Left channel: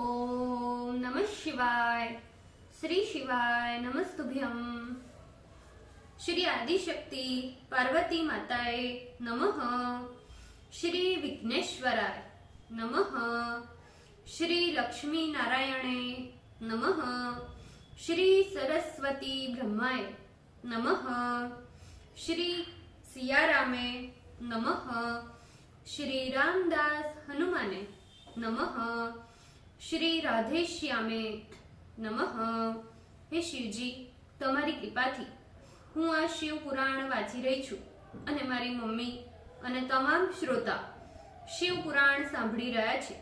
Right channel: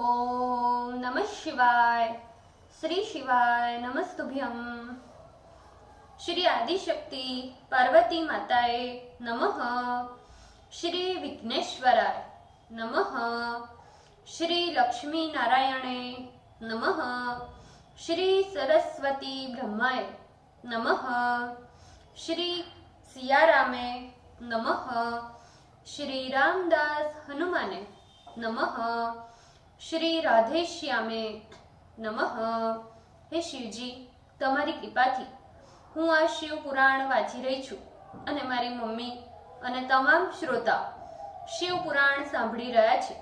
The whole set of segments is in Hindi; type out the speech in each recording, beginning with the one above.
ओम नमः शिवाय। श्री शिवाय नमस्तुभ्यम। श्री आदिशक्ति पार्वती माताए नमः। श्री विघ्नेश्वराय नमः। श्री लक्ष्मी नारायणे नमः। श्री सरस्वती ब्रह्माय नमः। श्री सियारामे नमः। श्री रामदास हनुमाने नमः। श्री राधेश्यामे नमः। हे शिवजी, તમારી કૃપાથી હું આ શિવ પુરાણ વાંચી રહી છું અને મારી મમ્મી અને તમામ શ્રોતા શિવ પુરાણ સાંભળી રહ્યા છે।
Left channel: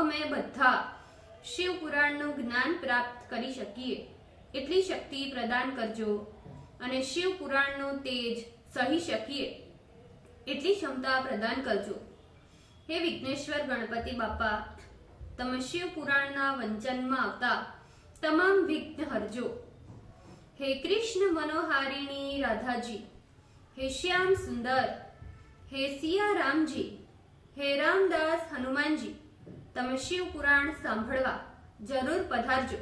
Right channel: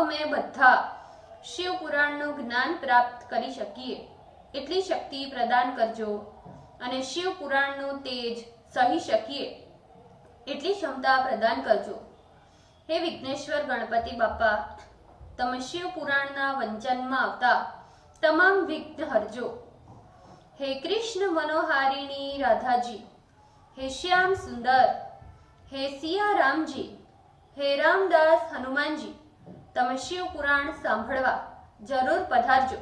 અમે બધા શિવ પુરાણનું જ્ઞાન પ્રાપ્ત કરી શકીએ એટલી શક્તિ પ્રદાન કરજો અને શિવ પુરાણનું તેજ સહી શકીએ એટલી ક્ષમતા પ્રદાન કરજો। હે વિઘ્નેશ્વર ગણપતિ બાપા, તમે શિવ પુરાણના વંચનમાં આવતા તમામ વિઘ્ન હરજો। हे कृष्ण मनोहारिणी राधा जी, हे श्याम सुंदर, हे सिया राम जी, हे रामदास हनुमान जी, તમે શિવ પુરાણ સાંભળવા જરૂર પધારજો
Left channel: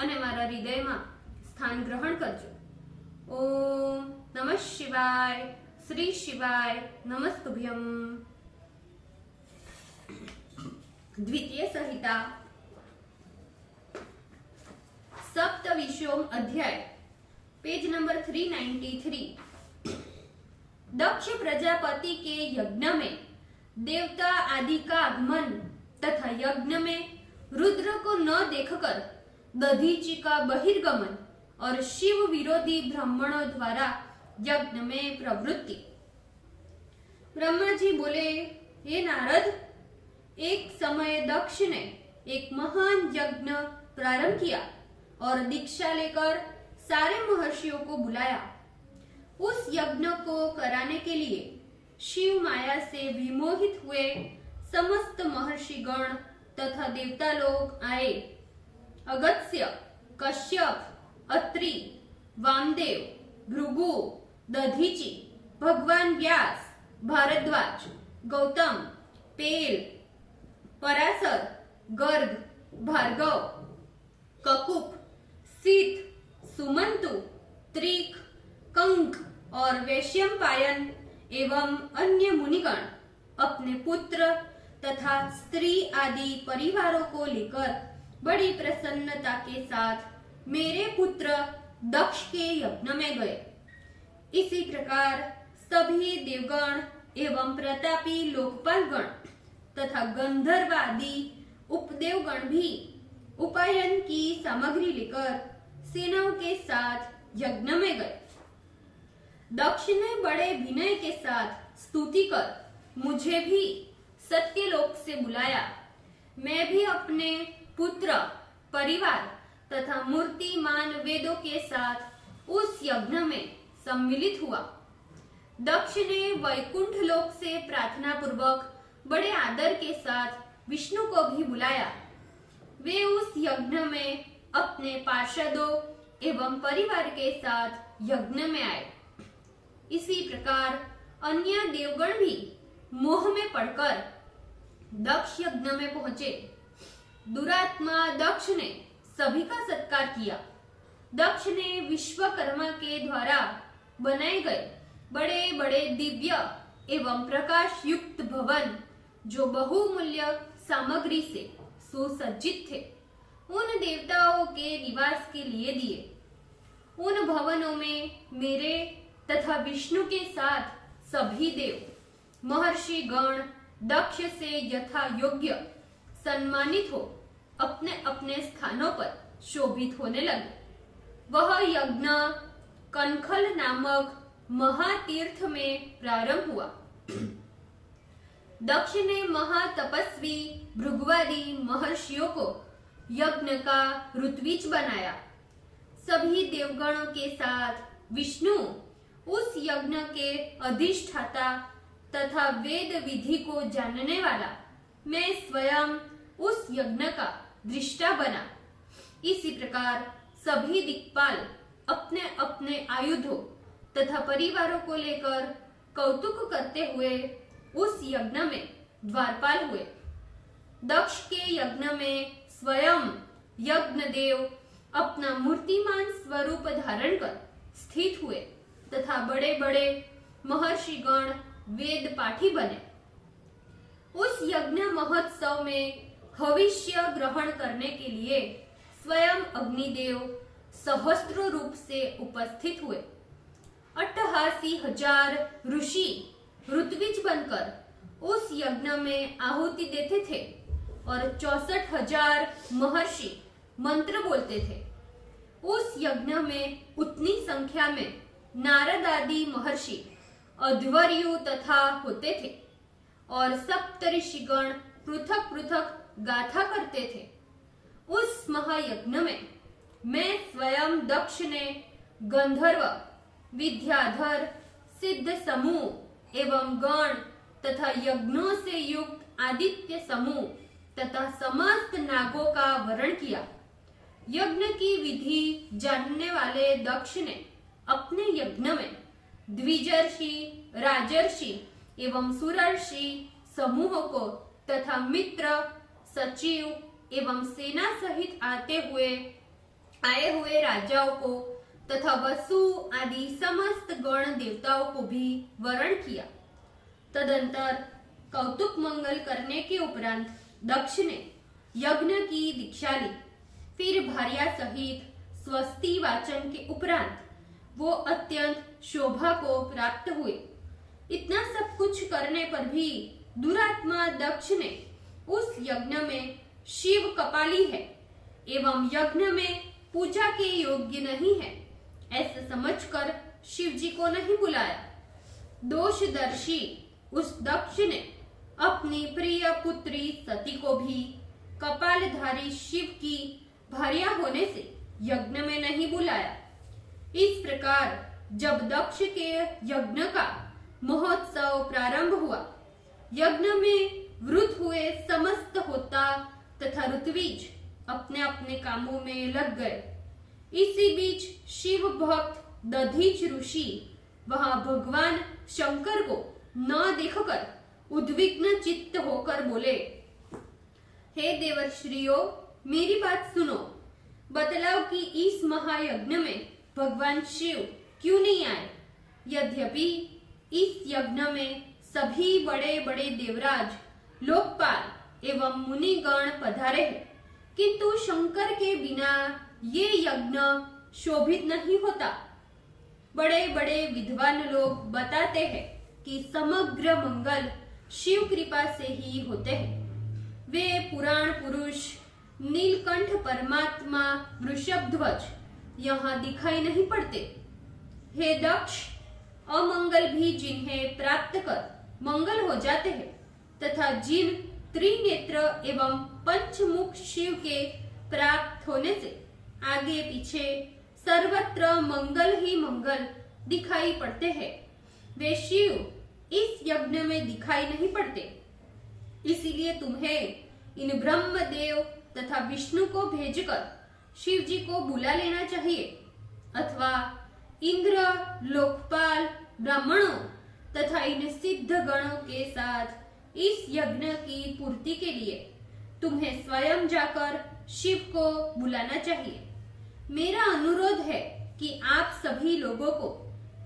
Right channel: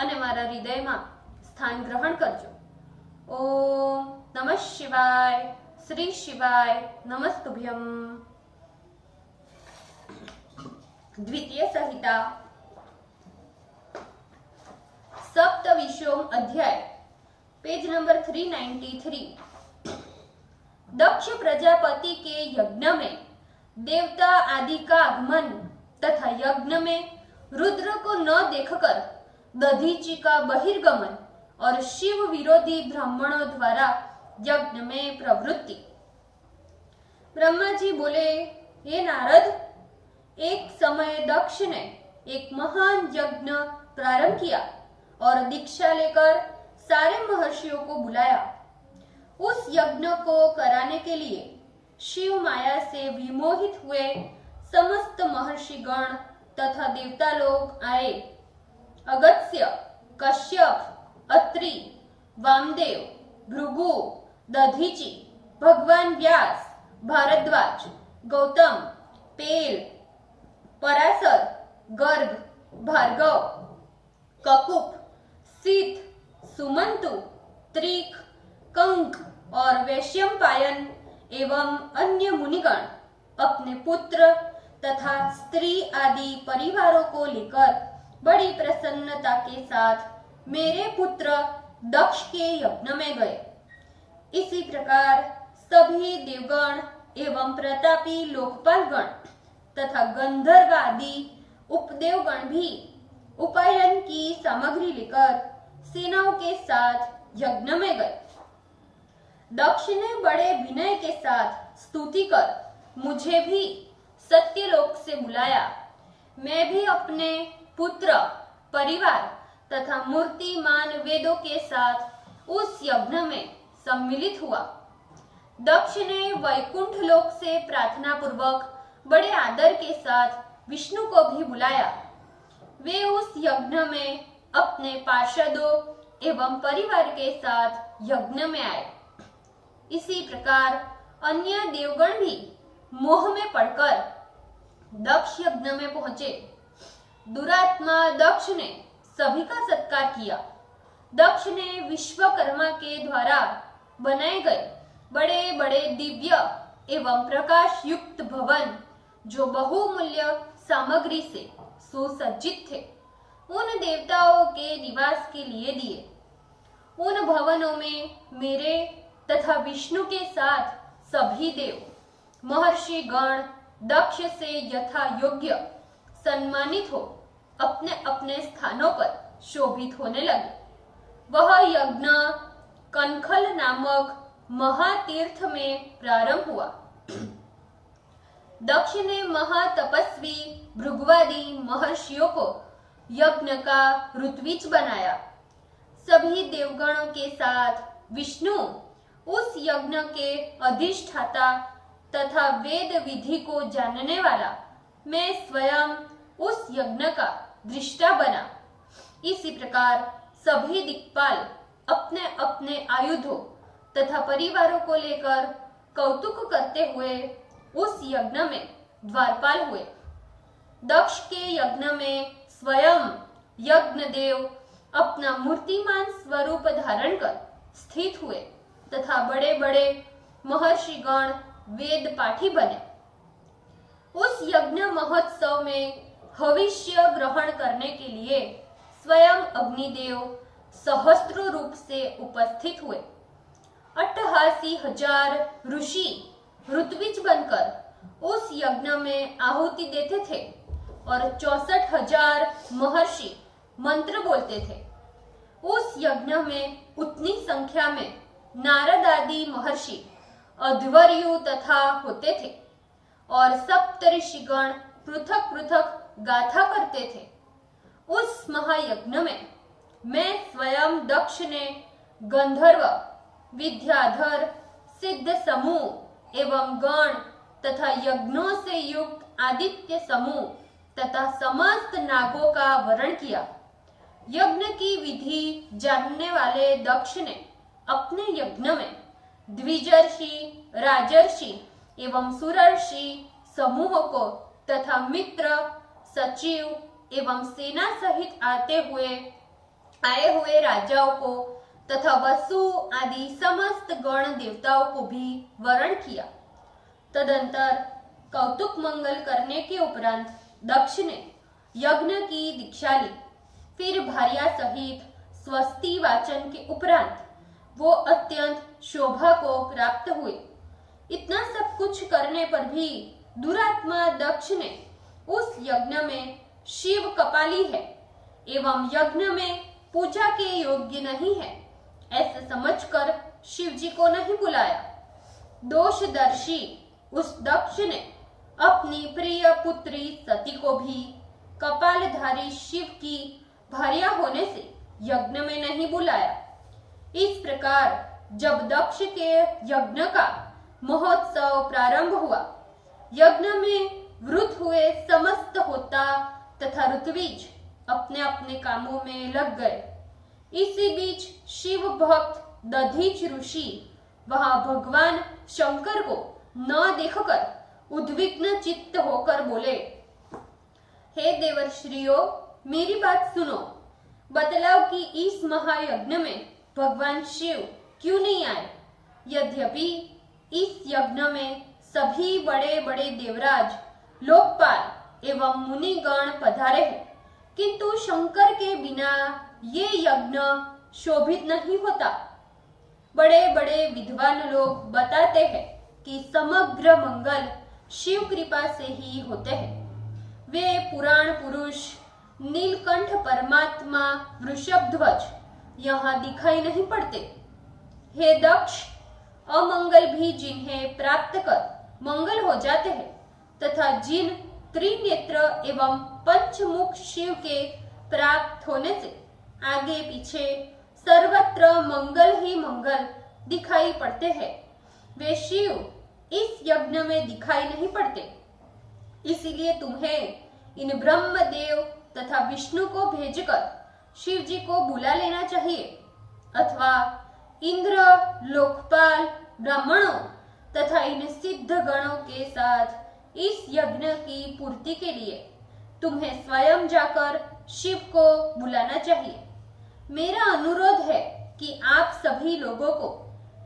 અને મારા હૃદયમાં સ્થાન ગ્રહણ કરજો। ઓમ નમઃ શિવાય। શ્રી શિવાય નમસ્તુભ્યમ। द्वितीय संहिता सप्तविंशोम अध्याय, पेज नंबर 393। दक्ष प्रजापति के यज्ञ में देवता आदि का आगमन तथा यज्ञ में रुद्र को न देखकर दधीचि का बहिर्गमन और शिव विरोधी ब्राह्मणों द्वारा यज्ञ में प्रवृत्ति। ब्रह्मा जी बोले, हे नारद, एक समय दक्ष ने एक महान यज्ञ प्रारंभ किया और दीक्षा लेकर सारे महर्षियों को बुलाया। उस यज्ञ को कराने के लिए शिव माया से विमोहित हुए समस्त महर्षि गण तथा देवता लोग आए। अगस्त्य, कश्यप, अत्रि, वामदेव, भृगु, दधीचि, भगवान व्यास, भारद्वाज, गौतम, पेल, पराशर, गर्ग, भार्गव, ककुप, सीत, सुमंतु, त्रिक, कंक और वैशंपायन एवं अन्य मुनिगण अपने पुत्र तथा स्त्री आदि परिवारों को लेकर बड़ी प्रसन्नता के साथ मेरे पुत्र दक्ष के यज्ञ में गए। इसी प्रकार सभी देवगण एवं प्रतापी लोकपालगण तथा गंधर्व आदि उपदेवगण भी उपायन की सामग्री लेकर सेनाओं के साथ यज्ञ में गए। दक्ष ने बड़े विनय के साथ स्तुति कर मुझे भी सत्यलोक से बुलाया। मैं भी अपने पुत्र, परिवार तथा मूर्तिमान वेदों के साथ उस यज्ञ में सम्मिलित हुआ। दक्ष ने वैकुंठ लोक से प्रार्थना पूर्वक बड़े आदर के साथ विष्णु को भी बुलाया। वे उस यज्ञ में अपने पार्षदों एवं परिवार के साथ यज्ञ में आए। इसी प्रकार अन्य देवगण भी मोह में पड़कर दक्ष यज्ञ में पहुंचे। दुरात्मा दक्ष ने सभी का सत्कार किया। दक्ष ने विश्वकर्मा के द्वारा बनाए गए बड़े बड़े दिव्य एवं प्रकाश युक्त भवन, जो बहुमूल्य सामग्री से सुसज्जित थे, उन देवताओं के निवास के लिए दिए। उन भवनों में मेरे तथा विष्णु के साथ सभी देव, महर्षि गण दक्ष से यथा योग्य सम्मानित हो अपने अपने स्थानों पर शोभित होने लगे। वह यज्ञ कनखल नामक महातीर्थ में प्रारंभ हुआ। दक्ष ने महातपस्वी भृगुवादी महर्षियों को यज्ञ का ऋत्विज बनाया। सभी देवगणों के साथ विष्णु उस यज्ञ के अधिष्ठाता तथा वेद विधि को जानने वाला मैं स्वयं उस यज्ञ का दृष्टा बना। इसी प्रकार सभी दिक्पाल अपने अपने आयुधों तथा परिवारों को लेकर कौतुक करते हुए उस यज्ञ में द्वारपाल हुए। दक्ष के यज्ञ में स्वयं यज्ञदेव अपना मूर्तिमान स्वरूप धारण कर स्थित हुए तथा बड़े बड़े महर्षिगण वेद पाठी बने। उस यज्ञ महोत्सव में हविष्य ग्रहण करने के लिए स्वयं अग्निदेव सहस्त्र रूप से उपस्थित हुए। 88,000 ऋषि ऋत्विज बनकर उस यज्ञ में आहुति देते थे और 64,000 महर्षि मंत्र बोलते थे। उस यज्ञ में उतनी संख्या में नारद आदि महर्षि अध्वर्यु तथा होते थे और सप्तऋषिगण पृथक पृथक गाथा करते थे। उस महायज्ञ में मैं स्वयं दक्ष ने गंधर्व, विद्याधर, सिद्ध समूह एवं गण तथा यज्ञों से युक्त आदित्य समूह तथा समस्त नागों का वरण किया। यज्ञ की विधि जानने वाले दक्ष ने अपने यज्ञ में द्विजर्षि, राजर्षि एवं सुरर्षि समूह को तथा मित्र, सचिव एवं सेना सहित आए हुए राजाओं को तथा वसु आदि समस्त गण देवताओं को भी वरण किया। तदंतर कौतुक मंगल करने के उपरांत दक्ष ने यज्ञ की दीक्षा ली। फिर भार्या सहित स्वस्ति वाचन के उपरांत वो अत्यंत शोभा को प्राप्त हुए। इतना सब कुछ करने पर भी दुरात्मा दक्ष ने उस यज्ञ में शिव कपाली है एवं यज्ञ में पूजा के योग्य नहीं है ऐसा समझकर शिव जी को नहीं बुलाया। दोषदर्शी उस दक्ष ने अपनी प्रिय पुत्री सती को भी कपालधारी शिव की भार्या होने से यज्ञ में नहीं बुलाया। इस प्रकार जब दक्ष के यज्ञ का महोत्सव प्रारंभ हुआ, यज्ञ में वृत हुए समस्त होता तथा ऋत्विज अपने अपने कामों में लग गए। इसी बीच शिव भक्त दधीच ऋषि वहां भगवान शंकर को न देखकर उद्विग्न चित्त होकर बोले, हे देवर्षियों, मेरी बात सुनो, बतलाओ कि इस महायज्ञ में भगवान शिव क्यों नहीं आए? यद्यपि इस यज्ञ में सभी बड़े बड़े देवराज, लोकपाल एवं मुनिगण पधारे हैं, किंतु शंकर के बिना ये यज्ञ शोभित नहीं होता। बड़े बड़े विद्वान लोग बताते हैं कि समग्र मंगल शिव कृपा से ही होते हैं। वे पुराण पुरुष नीलकंठ परमात्मा वृषभध्वज यहाँ दिखाई नहीं पड़ते। हे दक्ष, अमंगल भी जिन्हें प्राप्त कर मंगल हो जाते हैं तथा जिन त्रिनेत्र एवं पंचमुख शिव के प्राप्त होने से आगे पीछे सर्वत्र मंगल ही मंगल दिखाई पड़ते हैं, वे शिव इस यज्ञ में दिखाई नहीं पड़ते। इसीलिए तुम्हें इन ब्रह्मदेव तथा विष्णु को भेजकर शिव जी को बुला लेना चाहिए, अथवा इंद्र, लोकपाल, ब्राह्मणों तथा इन सिद्ध गणों के साथ इस यज्ञ की पूर्ति के लिए तुम्हें स्वयं जाकर शिव को बुलाना चाहिए। मेरा अनुरोध है कि आप सभी लोगों को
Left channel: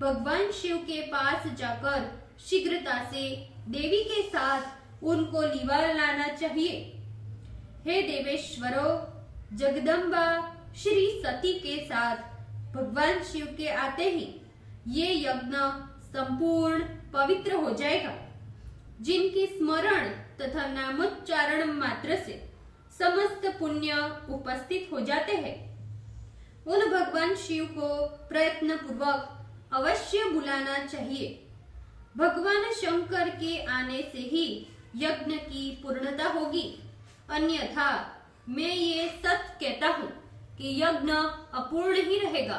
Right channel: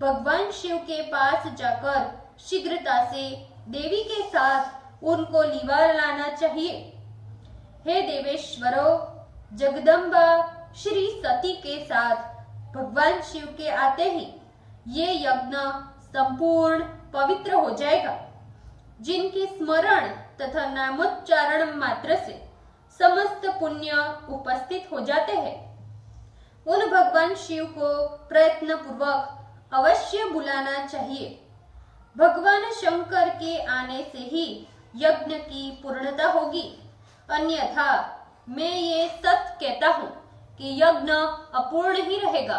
भगवान शिव के पास जाकर शीघ्रता से देवी के साथ उनको लिवा लाना चाहिए। हे देवेश्वरों, जगदम्बा श्री सती के साथ भगवान शिव के आते ही ये यज्ञ संपूर्ण पवित्र हो जाएगा। जिनके स्मरण तथा नामोच्चारण मात्र से समस्त पुण्य उपस्थित हो जाते हैं, उन भगवान शिव को प्रयत्न पूर्वक अवश्य बुलाना चाहिए। भगवान शंकर के आने से ही यज्ञ की पूर्णता होगी, अन्यथा मैं ये सत्य कहता हूँ कि यज्ञ अपूर्ण ही रहेगा।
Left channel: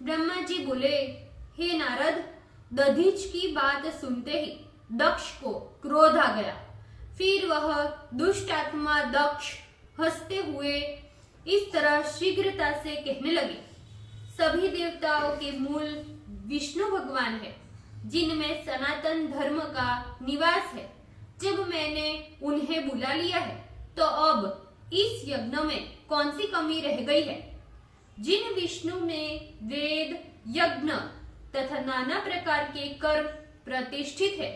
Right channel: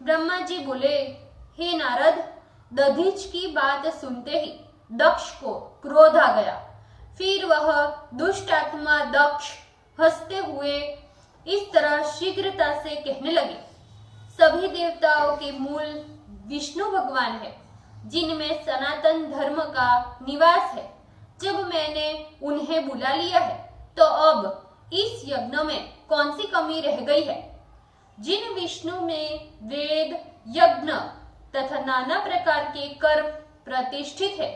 ब्रह्मा जी बोले, हे नारद, दधीच की बात सुनते ही दक्ष को क्रोध आ गया। फिर वह दुष्ट आत्मा दक्ष हंसते हुए इस तरह शीघ्रता से कहने लगे, सभी देवताओं के मूल विष्णु भगवान है, जिनमें सनातन धर्म का निवास है। जब मैंने उन्हें बुला लिया है, तो अब इस यज्ञ में कौन सी कमी रह गई है? जिन विष्णु में वेद, यज्ञ तथा नाना प्रकार के कर्म प्रतिष्ठित है,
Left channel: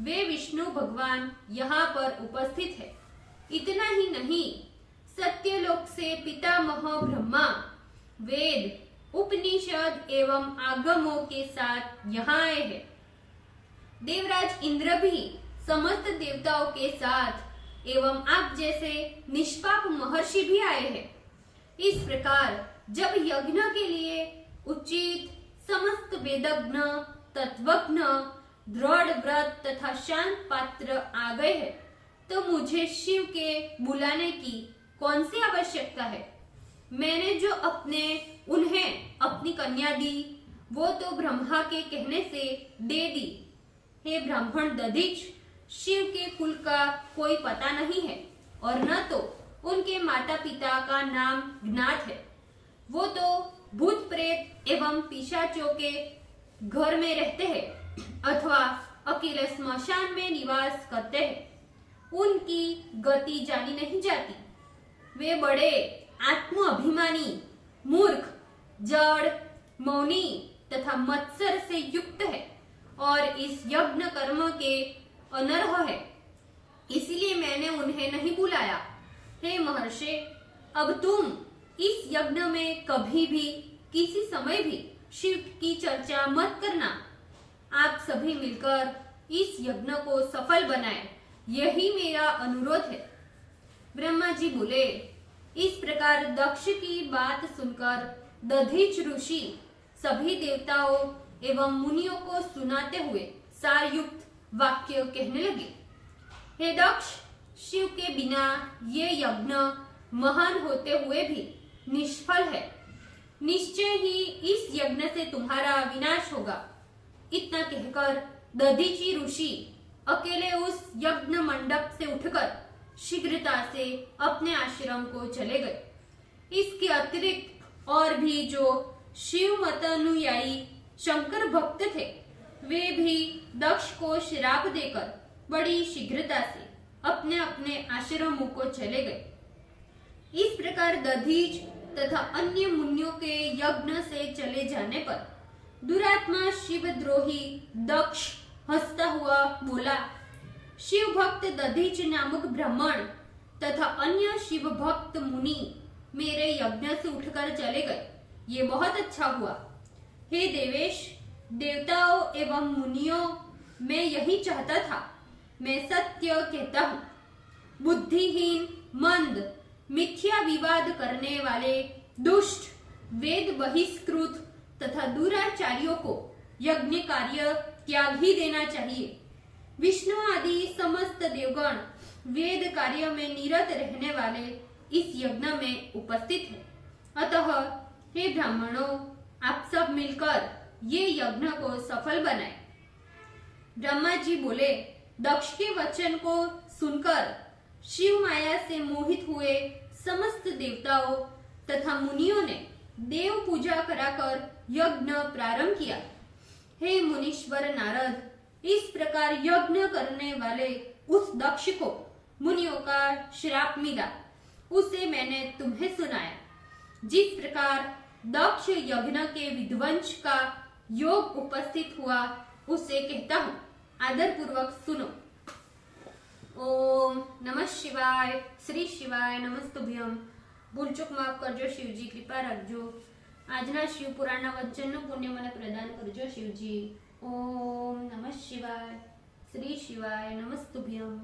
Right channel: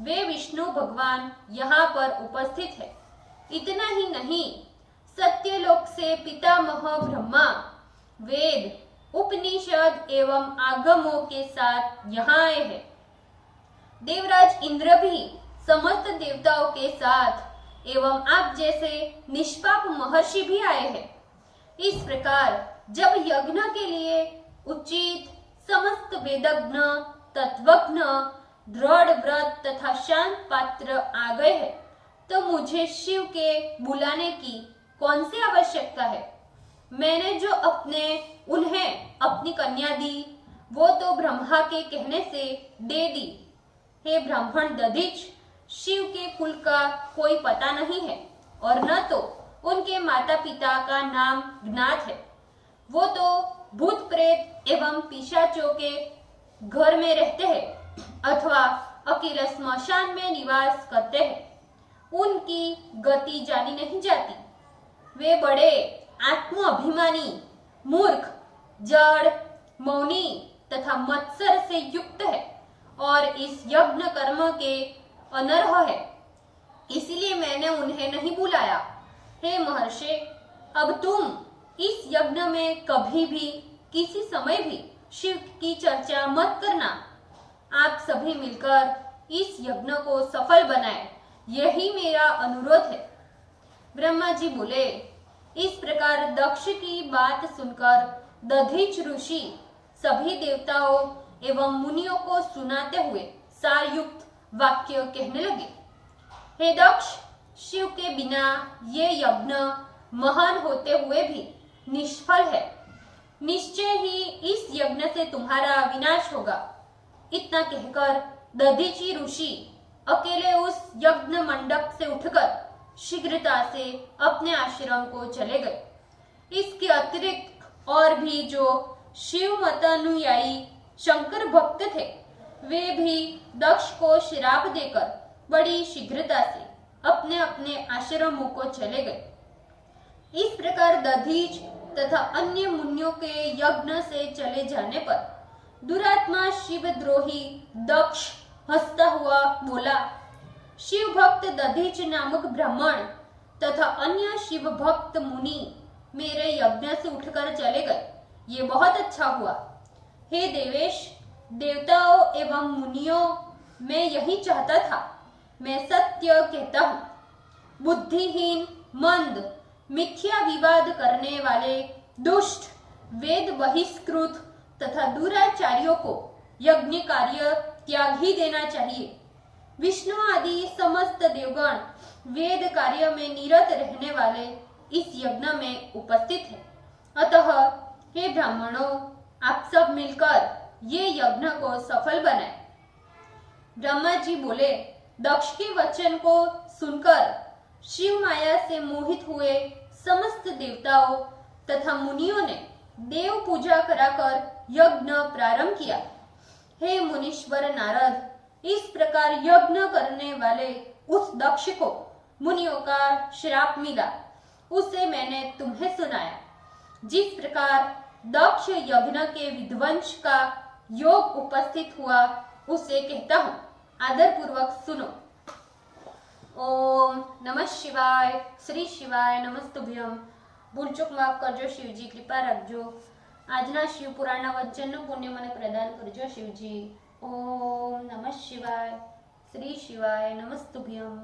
वे विष्णु भगवान यहाँ पर उपस्थित है। इतना ही नहीं, सत्यलोक से पितामह ब्रह्मा वेद, उपनिषद एवं आगमों के साथ यहाँ आए हैं। देवराज इंद्र भी समस्त देवताओं के साथ एवं आप जैसे निष्पाप महर्षि भी आए हैं। इस प्रकार जब यज्ञ के लिए उचित समस्त वेदज्ञ, तत्वज्ञ, दृढ़ व्रत तथा शांत पात्र आ गए हैं, तो मुझे शिव के बुलाने की कौन सी आवश्यकता है? मैंने जो उन्हें अपनी कन्या दी, वो तो ब्रह्मा के कहने से दे दी। हे ब्राह्मण दधीच, शिव के कुल का कोई पता नहीं है और न तो उनके माता पिता का नाम ज्ञात है। वो तो भूत प्रेत एवं पिशाचों के घर में रहते हैं अथवा अकेले स्मशान में निवास करते हैं। उनकी गति जानी नहीं जाती। वे बड़े आत्म अभिमानी, मूर्ख, जड़, मौनी तथा मत्सर से युक्त है और इस यज्ञ कर्म के अनर्ह है। इसलिए मैंने उन्हें नहीं बुलाया। हे महर्षि, अब तुम इस यज्ञ में कभी भी किसी समय भी शिव की चर्चा मत करना। आप सभी मिलकर इस यज्ञ को सफल बनाएं, यही मेरा अनुरोध है। ब्रह्मा जी बोले। इस प्रकार दक्ष की बात सुनकर दधीच ऋषि सभी देवताओं एवं मुनियों को सुनाते हुए सारयुक्त वाक्य कहने लगे। हे दक्ष, शिव के बिना ये यज्ञ महान होते हुए भी निष्फल है। निश्चय ही इस यज्ञ से तुम्हारा विनाश होगा। इतना कहकर दधीची ऋषि अकेले उस यज्ञ मंडप से उठकर शीघ्रता से अपने आश्रम को चले गए। इसके अतिरिक्त और भी जो शिव मतानुयायी शंकर भक्त थे, वे भी दक्ष को श्राप देकर बड़ी शीघ्रता से अपने अपने आश्रमों को चले गए। इस प्रकार दधीच तथा अन्य मुनियों के यज्ञ से चले जाने पर दुरात्मा शिवद्रोही दक्ष हंसता हुआ बोला, शिव भक्त दधीच नामक ब्राह्मण तथा अन्य शिव भक्त मुनि मेरे यज्ञ से उठकर चले गए। ये बहुत अच्छा हुआ। हे देवेश, देवताओं एवं मुनियों, मैं यही चाहता था। मैं सत्य कहता हूँ, बुद्धिहीन, मंद, मिथ्या विवाद करने वाले, दुष्ट, वेद बहिष्कृत तथा दुराचार्यों को यज्ञ कार्य त्याग ही देना चाहिए। विष्णु आदि समस्त देवगण वेद कार्य में निरत रहने वाले इस यज्ञ में उपस्थित हैं। अतः हे ब्राह्मणों, आप सब मिलकर ये यज्ञ को सफल बनाएं। ब्रह्मा जी बोले। दक्ष के वचन को सुनकर शिव माया से मोहित हुए समस्त देवताओं तथा मुनियों ने देव पूजा कराकर यज्ञ प्रारंभ किया। हे मुनीश्वर नारद, इस प्रकार यज्ञ करने वाले उस दक्ष को मुनियों का श्राप मिला, उसे मैंने तुम्हें सुनाया। जिस प्रकार दक्ष यज्ञ के विध्वंस का योग उपस्थित हुआ, उसे कहता हूँ, आदर पूर्वक सुनो। ओम नमः शिवाय, श्री शिवाय नमस्तुभ्यम। भूल चूक माफ करजो शिवजी, कृपा रखजो। આજના શિવ પુરાણના વચનનું પુણ્ય મને પ્રદાન કરજો શિવજી। ઓમ નમઃ શિવાય, શ્રી શિવાય નમસ્તુભ્યમ।